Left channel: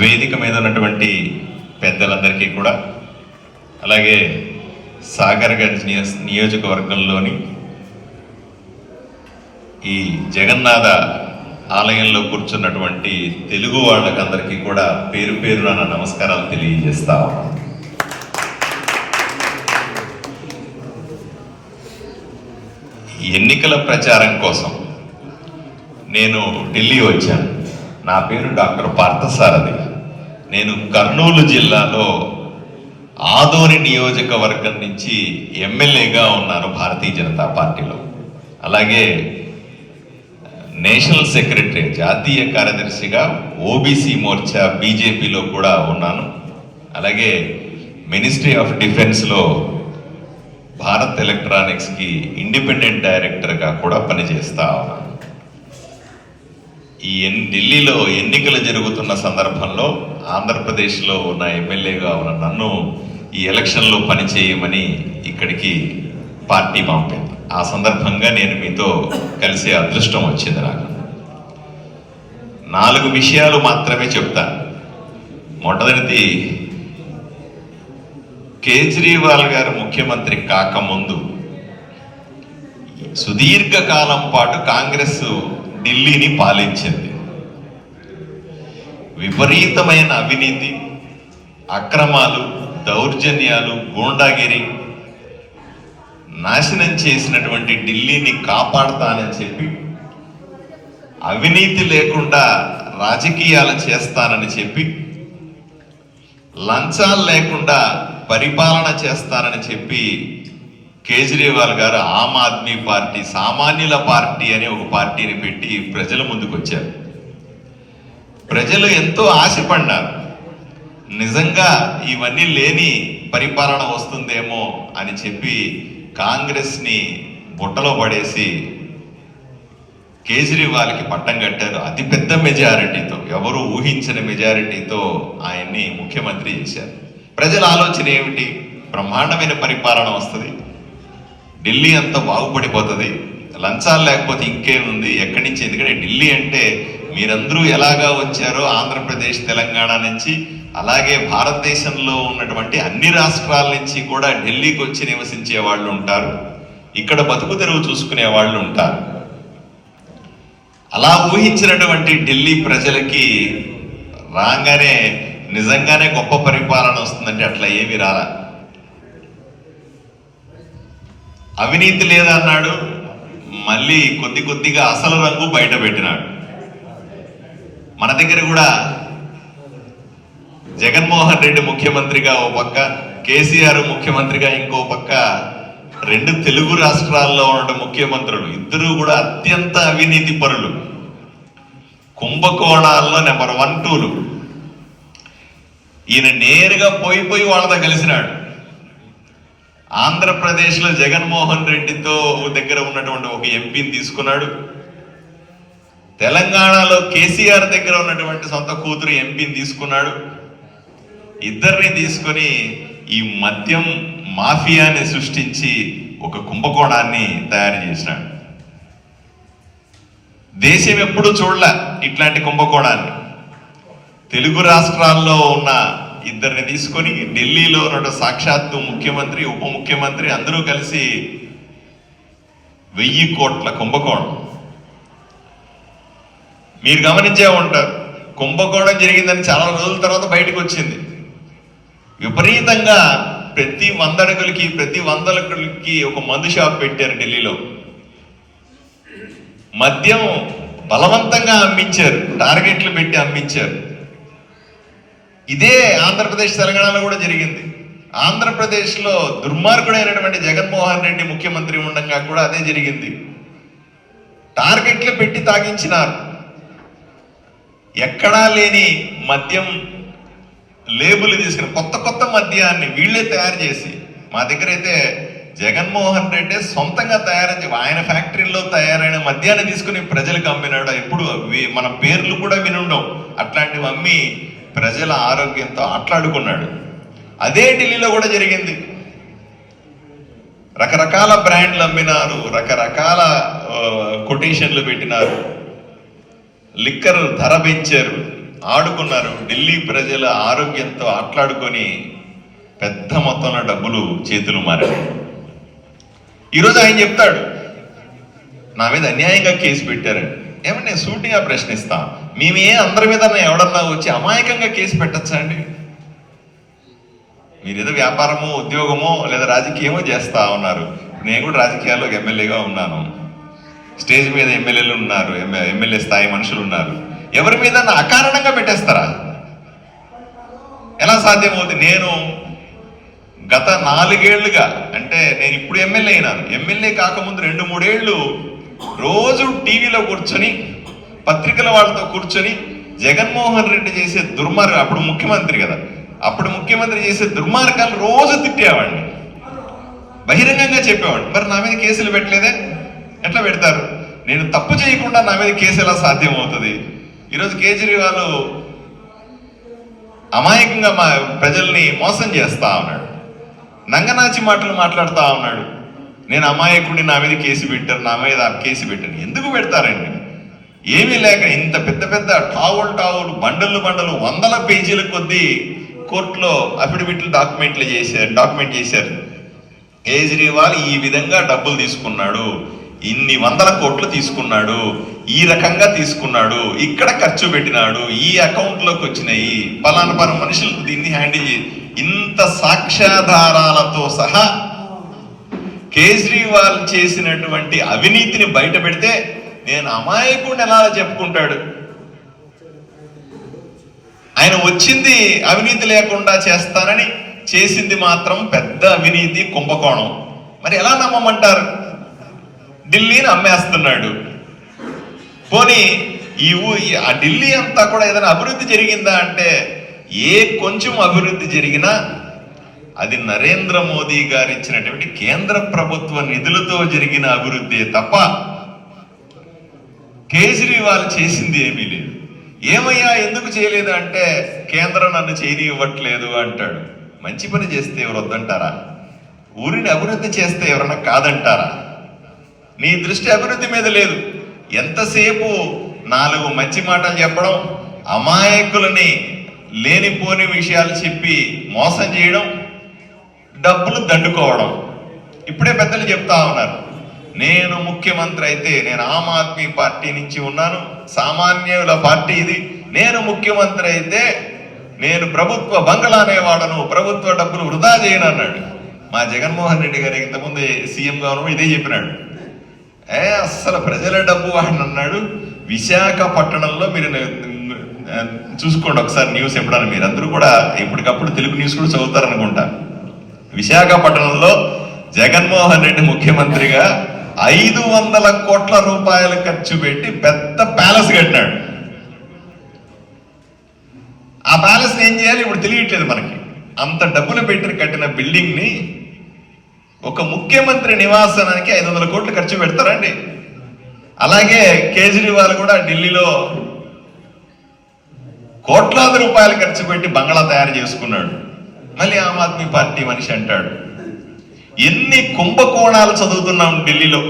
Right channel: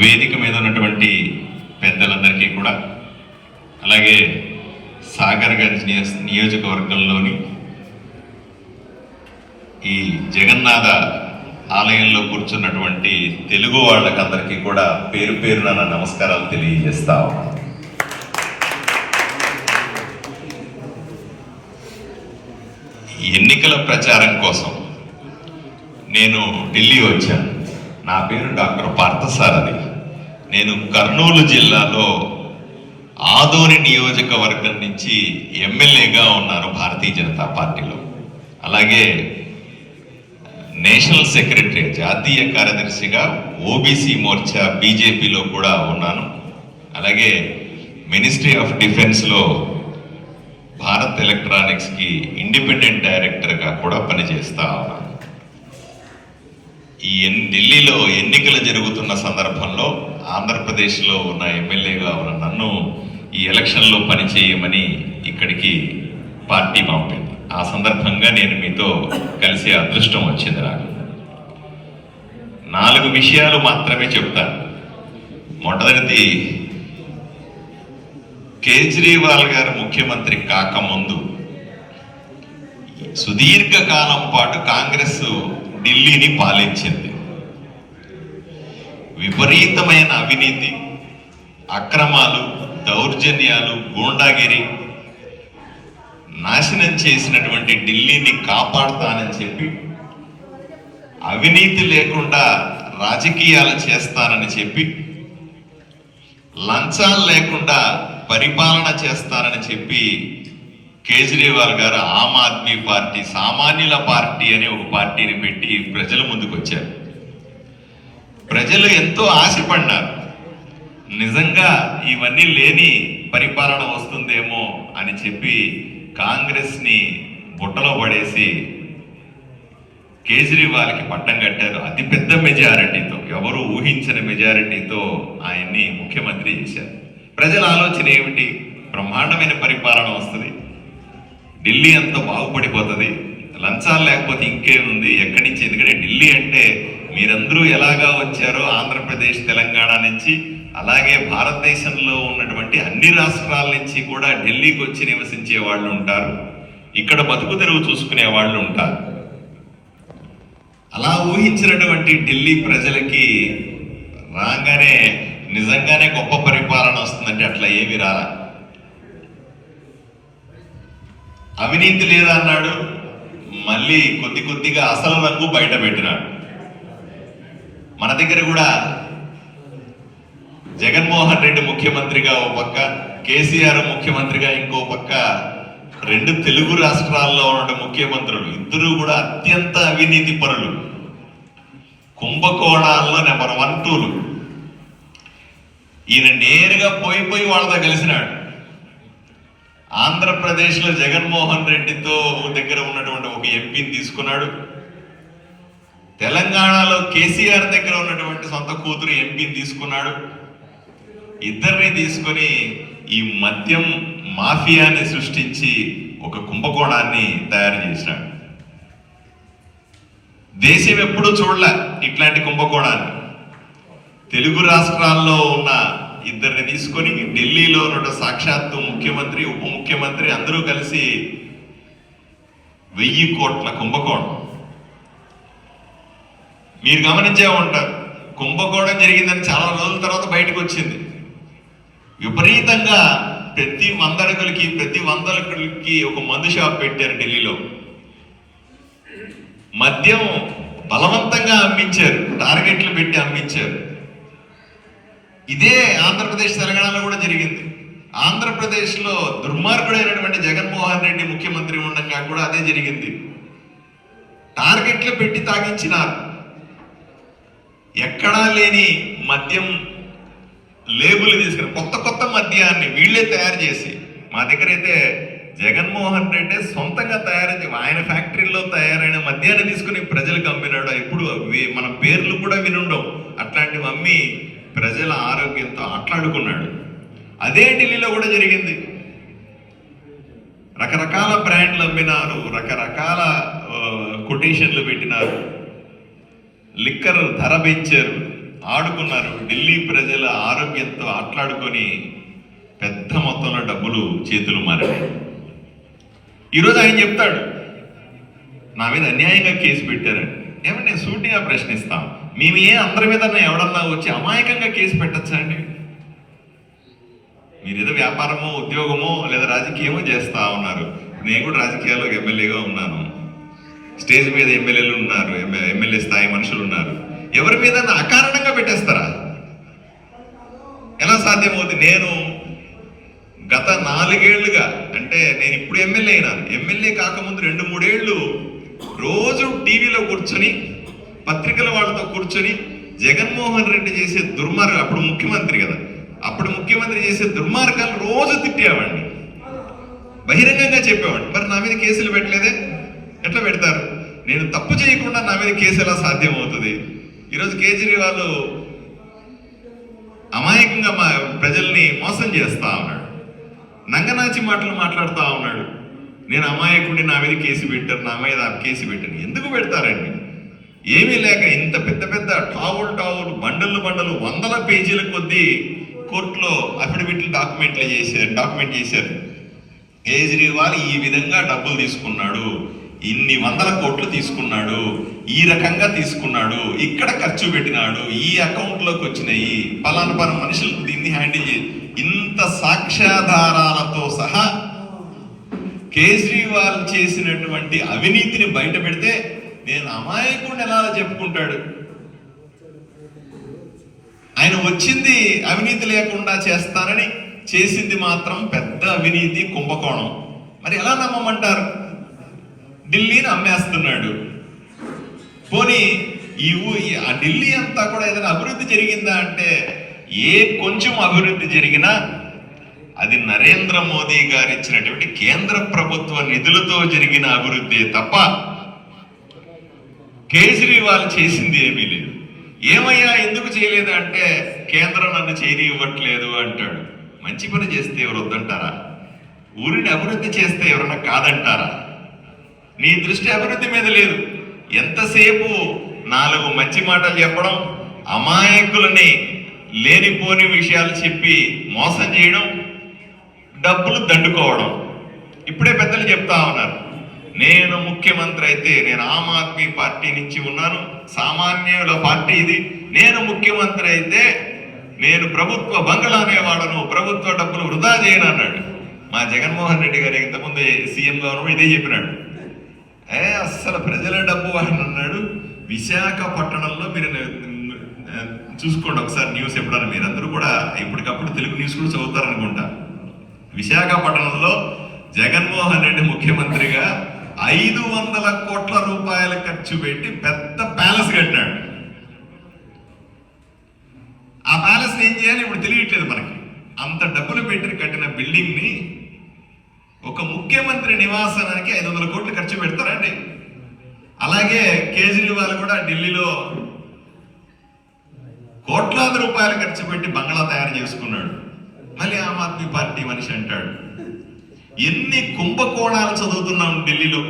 వేదిక మీద ఉన్నటువంటి పెద్దలందరికీ కూడా, అలాగే సాగర్గంజ్ నియోజకవర్గంలోని ఈ జగన్నాథ ఆలయంలో కూర్చున్నటువంటి తెలుగు వాళ్ళకందరికీ కూడా పేరు పేరున నా నమస్కారాలు తెలియజేస్తా ఉన్నాను. ఎన్నికల ప్రచారం కోసం నేను ఢిల్లీ వచ్చాను. నా పేరు డాక్టర్ పార్థసారథి. నేను కర్నూలు జిల్లాలో ఆదోని నియోజకవర్గం నుంచి ఎమ్మెల్యేగా ఉన్నాను భారతీయ జనతా పార్టీలో. అలాగే నేషనల్ సెక్రటరీ, జాతీయ కార్యదర్శిగా ఓబీసీ మోర్చా బీజేపీలో కూడా ఉన్నాను. అలాగే మినిస్ట్రీ ఆఫ్ డిఫెన్స్లో భారత్ ఎలక్ట్రానిక్స్కి ఇండిపెండెంట్ డైరెక్టర్గా కూడా పనిచేస్తా ఉన్నాను. ఈ ఢిల్లీలో ఎన్నికలు జరుగుతున్న సందర్భంలో ఆంధ్రప్రదేశ్లో ఉన్న ఎమ్మెల్యేగా ఉన్న నన్ను ఈ ఎలక్షన్లో పనిచేయమని ఇక్కడికి పార్టీ పంపింది. ఆ సందర్భంగా నేను మీతో కలిసే అదృష్టం వచ్చింది. నాకు 4 విషయాలు మాత్రమే చెప్తాను. మొదటిది, కేజ్రీవాల్ గారు ముఖ్యమంత్రి కాకముందు సుదీర్ఘకాలం పాటు కాంగ్రెస్ ఢిల్లీని పాలించింది. విపరీతమైన అవినీతి, అక్రమాలు, దౌర్జన్యాలు, గూండాగిరి నాశనం చేసినటువంటి ఢిల్లీని కాపాడుతానని చెప్పి, అవినీతి లేకుండా రాజకీయాలు చేస్తానని చెప్పి, లంచాలు లేకుండా పరిపాలన చేస్తానని చెప్పి కేజ్రీవాల్ గారు ఆమ్ ఆద్మీ పార్టీ, సామాన్యుల పార్టీ అని ఒక పార్టీని పెట్టి ప్రజల ముందుకు వచ్చారు. ప్రజలు ఎంతో ఆశపడ్డారు. నిజంగా ఇవన్నీ లేని పరిపాలన వస్తుందేమో అని చెప్పి కాంగ్రెస్ని బుట్టలో పడేసి కేజ్రీవాల్కి పట్టం కట్టారు. అతిపెద్ద మెజారిటీతో, ఎవరు ఊహించని మెజారిటీతో ఆయన్ని ముఖ్యమంత్రి చేశారు. ప్రజల ఆలోచన ఏమిటి? బ్రహ్మాండమైన పరిపాలన వస్తుంది, ఢిల్లీ అంతా బాగుపడిపోతుంది, లంచాలు లేకపోతే ఇంకేముంది, ఎక్కడి నుంచి? ఎందుకంటే ఢిల్లీ అంటే మీరందరూ ఎలాగా వచ్చారో ఆంధ్రప్రదేశ్, తెలంగాణ నుంచి, అలాగే భారతదేశంలో ఉన్నటువంటి అన్ని రాష్ట్రాల నుంచి కూడా ఢిల్లీకి వచ్చి నివసించే వాళ్ళు ఉంటారు, ఇక్కడ బతుకు తెరువు చూసుకునే వాళ్ళు ఉంటారు. అలా ఊహించినటువంటి ఢిల్లీ ప్రజలకి రాగానే నిజంగానే గొప్ప పరిపాలన వస్తుందంటే అట్లా ఏమి రాలా. అవినీతి లేదన్నాడు, మళ్ళీ కొద్ది కొద్దిగా అసలు రంగు బయట పెట్టినాడు. మన దగ్గర కూడా జగన్మోహన్ రెడ్డి ముఖ్యమంత్రిగా ఓ పక్క, కేసీఆర్ ముఖ్యమంత్రిగా ఇంకో పక్క, 2 తెలుగు రాష్ట్రాల్లో ఉన్న ముఖ్యమంత్రులు ఇద్దరు కూడా అత్యంత అవినీతి పరులు, కుంభకోణాల్లో నెంబర్ 1, 2లు. ఈయన నేరుగా పోయి వాళ్ళతో కలిసినాడు. ఆంధ్రప్రదేశ్లో జగన్మోహన్ రెడ్డితో దగ్గర ఉన్నటువంటి ఒక ఎంపీని తీసుకున్నాడు. తెలంగాణలో కేసీఆర్ దగ్గర ఉన్నటువంటి సొంత కూతురు ఎంపీని తీసుకున్నాడు. ఇద్దరిని తీసుకొని ఈ మద్యం మాఫియాని సృష్టించి ఒక కుంభకోణాన్ని తయారు చేసినాడు. దేశం ఎప్పుడూ చూడలే ఇట్లాంటి కుంభకోణాన్ని. తెలుగు రాష్ట్రాల్లో ఉన్న ఇద్దరిని తీసుకొని ఢిల్లీలో ఉన్న సాక్షాత్తు ముఖ్యమంత్రి, ఉప ముఖ్యమంత్రి అందరూ కలిసి 1000 కోట్ల కుంభకోణం. మీరు గమనించే ఉంటారు, కుంభకోణం జరిగిందని చాలా రోజుల తర్వాత బయటకు వచ్చింది. విపరీతంగా ప్రతి 100 అడుగులకి, ప్రతి 100 అడుగులకి ఒక మందు షాప్ పెట్టారు ఢిల్లీలో. మద్యం బలవంతంగా అమ్మించారు, టార్గెట్లు పెట్టి అమ్మించారు. ఇదే ఆంధ్రప్రదేశ్, తెలంగాణలో కూడా జరిగింది. ఆంధ్రప్రదేశ్లో దుర్మార్గుడైనటువంటి జగన్మోహన్ రెడ్డి ముఖ్యమంత్రి ఉండగా కూడా అదే జరిగింది. టార్గెట్లు పెట్టి తాగించినారు. ఎక్కడా లేని మద్యం లేబుల్ తీసుకుని కొత్త మద్యాన్ని వీళ్ళే తయారు చేసి, మా దగ్గర అయితే జగన్మోహన్ రెడ్డి సొంతంగా ఆయన ఫ్యాక్టరీలో తయారైన మద్యాన్ని తీసుకుని ప్రజలకు అమ్మినాడు. ఎప్పుడు మన పేర్లు కూడా వినుండవు. అట్లాంటివి అమ్మి ప్రజల ఆరోగ్యంతో ఆట్లాడుకున్నాడు. అదే ఢిల్లీలో కూడా జరిగింది. రకరకాల బ్రాండ్లు అమ్మినారు, రకరకాల కొటేషన్లు పెట్టినారు, లిక్కర్ ధర పెంచారు. ఆడుకున్నారు. ఢిల్లీ ప్రజల ఆరోగ్యంతో ఆటలాడుకొని పెద్ద మొత్తంలో డబ్బులు చేతులు మారాయి. ఈరోజు ఆయన చెప్తాడు, నా మీద అన్యాయంగా కేసు పెట్టారని. ఏమన్నా నేను సూటిగా ప్రశ్నిస్తాను, మేమే అందరి మీద ఎవడన్నా వచ్చి అమాయకంగా కేసు పెట్టచ్చా అండి? మీరు ఏదో వ్యాపారమో ఉద్యోగమో లేదా రాజకీయమో చేస్తా ఉన్నారు. నేను కూడా రాజకీయాల్లో ఎమ్మెల్యేగా ఉన్నాను. స్టేజ్ మీద ఎమ్మెల్యేలు ఉన్నారు, ఎమ్మెల్యే స్థాయి మనుషులు ఉన్నారు. ఎవరి మీద అకారణంగా పెట్టేస్తారా? ఎలా సాధ్యమవుతుంది? నేను గత 4 ఏళ్లుగా, అంటే నేను ఇప్పుడు ఎమ్మెల్యే అయినాను, ఎమ్మెల్యే కాకముందు 2-3 ఏళ్ళు రోజు టీవీలో కూర్చొని పత్రికల వాళ్ళతో కూర్చొని జగన్మోహన్ రెడ్డి చేసే దుర్మార్గం, అప్పుడు ముఖ్యమంత్రి కదా, అప్పుడు ముఖ్యమంత్రి చేసే దుర్మార్గాలు రోజు తిట్టేవాడిని, బహిరంగంగా చెప్పేవాడు. మరి నా మీద కేసులు పెట్టలేదే? ఎట్లా పెడతారు? నేను తప్పు చేయకుండా నా మీద కేసు ఎలా సాధ్యం అవుతుంది? ఈరోజు కేజ్రీవాల్ అమాయకంగా మా ప్రజల్ని మోసం చేస్తా ఉన్నాడు, నంగనాచి మాటలు మాట్లాడుతూ ఉన్నాడు. నేను అమాయకుడిని, నా మీద కేసు పెట్టారు, నా మీద కేసు పెట్టారు. ఎందుకు పెడతారండి? ఏమీ లేక ఇంత పెద్ద పెద్ద టావులు బండలు 100 పేజీల కొద్దీ కోర్టులో అఫిడవిట్లు డాక్యుమెంట్ చేశారు. కేజ్రీవాల్ ఈ విధంగా డబ్బులు తీసుకున్నాడు, ఇన్ని 100 కోట్లు తీసుకున్నాడు, ఈ రకంగా తీసుకున్నాడు, ఇక్కడ ఖర్చు పెట్టినాడు, ఈ అకౌంట్లోకి వచ్చినాయి, పలానా మనుషులకు దీన్ని హ్యాండిల్ చేయి, ఇంత సాక్ష్యాధారాలతో సహా కేజ్రీవాల్ చేసినటువంటి అవినీతిని బయట పెడితే నేను అమాయకుడిని ఎలా చెప్పుకుంటాడు? ఆయన వచ్చింది అవినీతి లేకుండా చేస్తానని, చేసింది మాత్రం పెద్ద అవినీతి కుంభకోణం. మరి ఎలా నమ్మమంటారు? ఢిల్లీని అమ్మేస్తున్నాడు. పోనీ ఆ ఢిల్లీ అంతా కూడా ఏదైనా అభివృద్ధి జరిగిందా అంటే, ఏ కొంచెం అభివృద్ధి జరిగినా అది నరేంద్ర మోదీ గారు ఇచ్చినటువంటి కేంద్ర ప్రభుత్వ నిధులతో జరిగిన అభివృద్ధి తప్ప కేజ్రీవాల్ చేసింది ఏమీ లేదు. ఏమయ్యా ఎందుకు చేయలేదు అంటే, కేంద్రం నన్ను చేయనివ్వట్లేదు అంటాడు. మంచి పని చేస్తే ఎవరు వద్దంటారా? ఊరిని అభివృద్ధి చేస్తే ఎవరన్నా కాదంటారా? నీ దృష్టి అభివృద్ధి మీద లేదు. ఎంతసేపు 4 మంచి మాటలు చెప్పడం, అమాయకులని లేనిపోని విషయాలు చెప్పి మోసం చేయడం, డబ్బులు దండుకోవడం. ఇప్పుడే పెద్దలు చెప్తా ఉన్నారు, నేను ముఖ్యమంత్రి అయితే, నేను ఆమ్ ఆద్మీ పార్టీ నుంచి ఉన్నాను, సామాన్యుల పార్టీ ఇది, నేను ముఖ్యమంత్రి అయితే నేను ప్రభుత్వ బంగళానే వాడను, ప్రభుత్వ డబ్బులు వృధా చేయను అన్నాడు. మా జగన్మోహన్ రెడ్డి గారు ఇంతకుముందు సీఎంగా ఉన్నప్పుడు ఇదే చెప్పినాడు. అస్సలు ప్రజల డబ్బు వాడిని అన్నాడు. విశాఖపట్నంలో మీరు చూసుకోండి ఒకసారి న్యూస్, ఎప్పుడన్నా మీరు అందరూ కూడా ఇప్పటికప్పుడు తెలుగు న్యూస్ కూడా చదువుతారనుకుంటా. విశాఖపట్నంలో జగన్మోహన్ రెడ్డి ముఖ్యమంత్రిగా 500 కోట్ల రూపాయలు ఖర్చు పెట్టి పెద్ద ప్యాలెస్ కట్టినాడు. ఆ ప్యాలెస్ ఏం చేయాలి ఇప్పుడు తెలియట్లేదు మనకి. అంత డబ్బులు పెట్టి కట్టిన బిల్డింగ్ ని ఒక ముఖ్యమంత్రి నివాసానికి 500 కోట్లు ఖర్చు పెడతారండి. అలాగే కేజ్రీవాల్ కూడా ఢిల్లీలో కోట్లాది రూపాయలు ఖర్చు పెట్టి బంగ్లా తయారు చేసుకున్నాడు. మళ్ళీ ఆమ్ ఆద్మీ పార్టీ మనిషి అంటాడు. ఎన్ని కుంభకోణాలు చదువుతున్నాం ఢిల్లీలో.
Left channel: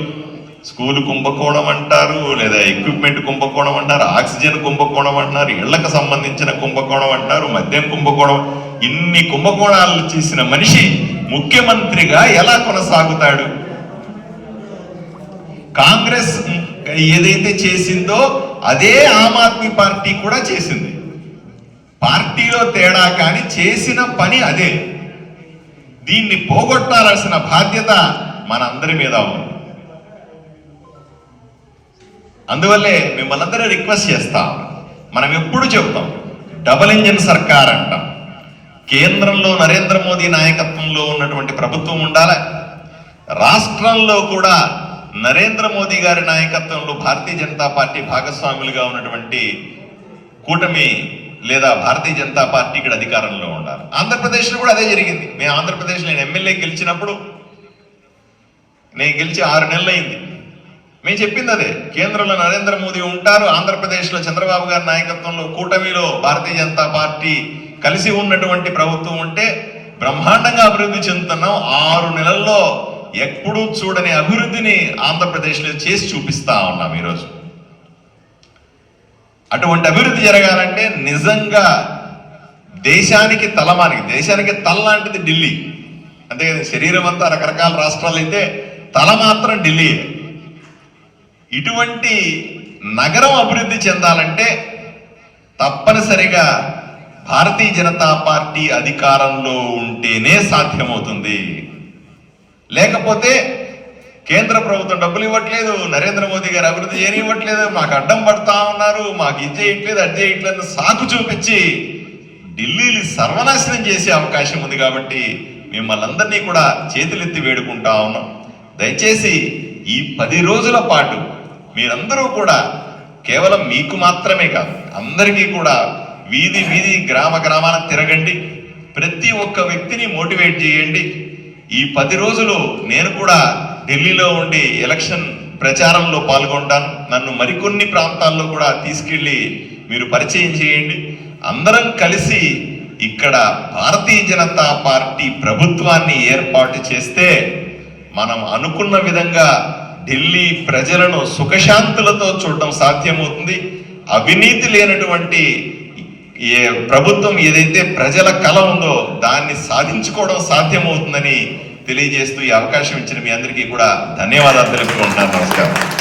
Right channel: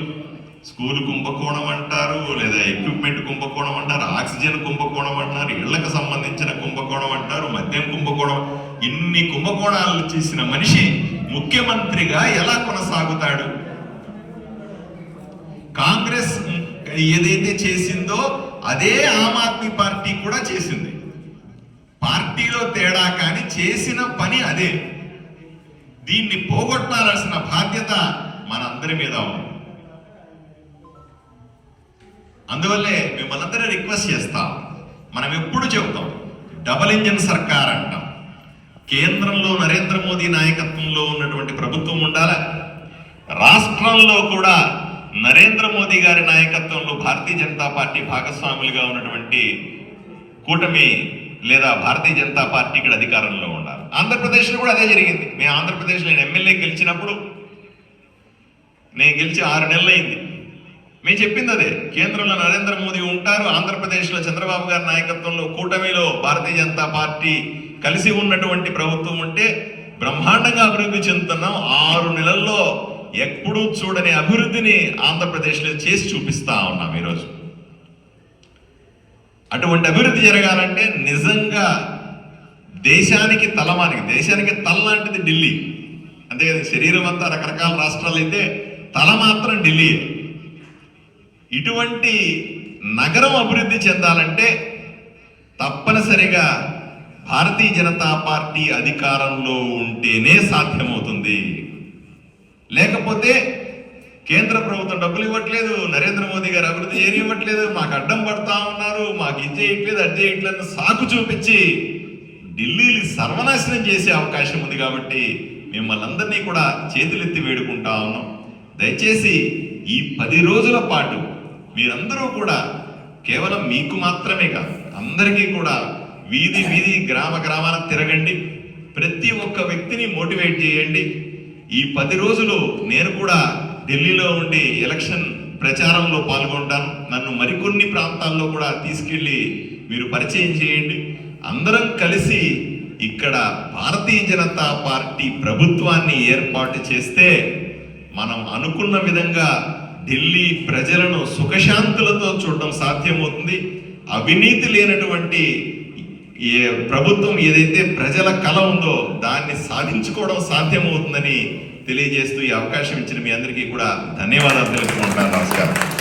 స్కూలు కుంభకోణం అంటారు, లేదా ఎక్విప్మెంట్ కుంభకోణం అంటారు, ఆక్సిజన్ కుంభకోణం అంటారు, ఇళ్లకు సంబంధించిన కుంభకోణం అంటారు, మద్యం కుంభకోణం. ఇన్ని కుంభకోణాలు చేసిన మనిషి ముఖ్యమంత్రిగా ఎలా కొనసాగుతాడు? కాంగ్రెస్ ఏదైతే చేసిందో అదే ఆమ్ ఆద్మీ పార్టీ కూడా చేసింది. పార్టీలో తేడా కానీ చేసిన పని అదే. దీన్ని పోగొట్టాల్సిన బాధ్యత మనందరి మీద ఉంది. అందువల్లే మిమ్మల్ని అందరూ రిక్వెస్ట్ చేస్తాం. మనం ఎప్పుడు చెబుతాం డబుల్ ఇంజిన్ సర్కార్ అంటాం. కేంద్రంలో నరేంద్ర మోదీ నాయకత్వంలో ఉన్నటువంటి ప్రభుత్వం ఉండాలి, రాష్ట్రంలో కూడా నరేంద్ర మోదీ గారి నాయకత్వంలో భారతీయ జనతా పార్టీ భాగస్వాములుగా ఉన్నటువంటి కూటమి లేదా భారతీయ జనతా పార్టీ ఇక్కడ అధికారంలో ఉండాలి. ఆంధ్రప్రదేశ్లో కూడా అదే జరిగింది. మేము ఆంధ్రప్రదేశ్లో నేను ఎమ్మెల్యే గెలిచినప్పుడు, నేను గెలిచి 6 నెలలు అయింది. మేము చెప్పింది అదే, కేంద్రంలో నరేంద్ర మోదీ ఉంటారు, ఆంధ్రప్రదేశ్లో చంద్రబాబు గారి నాయకత్వంలో కూటమిలో భారతీయ జనతా పార్టీ కలిసి ఉన్నటువంటి ప్రభుత్వం ఉంటే బ్రహ్మాండంగా అభివృద్ధి చెందుతున్నాం. 6 నెలల్లో ఎప్పుడూ చూడని అభివృద్ధిని ఆంధ్రప్రదేశ్లో చేసి చూపిస్తా ఉన్నాం. ఈరోజు అటువంటి అభివృద్ధి జరగాలంటే నిజంగా దేశానికి తల లాంటిది ఢిల్లీ. అంతే కదా, శరీరం అంతా రకరకాల రాష్ట్రాలు అయితే తల మాత్రం ఢిల్లీ. ఇటువంటి నగరం అభివృద్ధి చెందాలంటే తప్పనిసరిగా భారతీయ జనతా పార్టీ అధికారంలో ఉంటేనే సాధ్యమవుతుంది. లేకపోతే కేంద్ర ప్రభుత్వం డబ్బులు ఇవ్వట్లేదు, నరేంద్ర మోదీ గారు అభివృద్ధి చేయనివ్వట్లేదు, మాకు అడ్డం పడతా ఉన్నారు, మాకు ఇది చేయట్లేదు అది చేయట్లేదు సాకు చూపించి ఢిల్లీని సర్వనాశనం చేసే అవకాశం ఉంది. కాబట్టి మిమ్మల్ని అందరినీ కూడా చేతులెత్తి వేడుకుంటా ఉన్నాం. దయచేసి ఈ 10 రోజుల పాటు మీరందరూ కూడా కేవలం మీకు మాత్రమే కాదు అందరికీ కూడా వీధి వీధి గ్రామాన తిరగండి. ప్రతి ఒక్క వ్యక్తిని మోటివేట్ చేయండి. ఈ 10 రోజులు నేను కూడా ఢిల్లీలో ఉండి ఎలక్షన్ ప్రచారంలో పాల్గొంటాను. నన్ను మరికొన్ని ప్రాంతాల్లో కూడా తీసుకెళ్ళి మీరు పరిచయం చేయండి. అందరం కలిసి ఇక్కడ భారతీయ జనతా పార్టీ ప్రభుత్వాన్ని ఏర్పాటు చేస్తే మనం అనుకున్న విధంగా ఢిల్లీ ప్రజలను సుఖశాంతులతో చూడడం సాధ్యమవుతుంది. అవినీతి లేనటువంటి ప్రభుత్వం ఏదైతే ప్రజల కల ఉందో దాన్ని సాధించుకోవడం సాధ్యమవుతుందని తెలియజేస్తూ ఈ అవకాశం ఇచ్చిన మీ అందరికీ కూడా ధన్యవాదాలు తెలుపుకుంటున్నాను. నమస్కారం.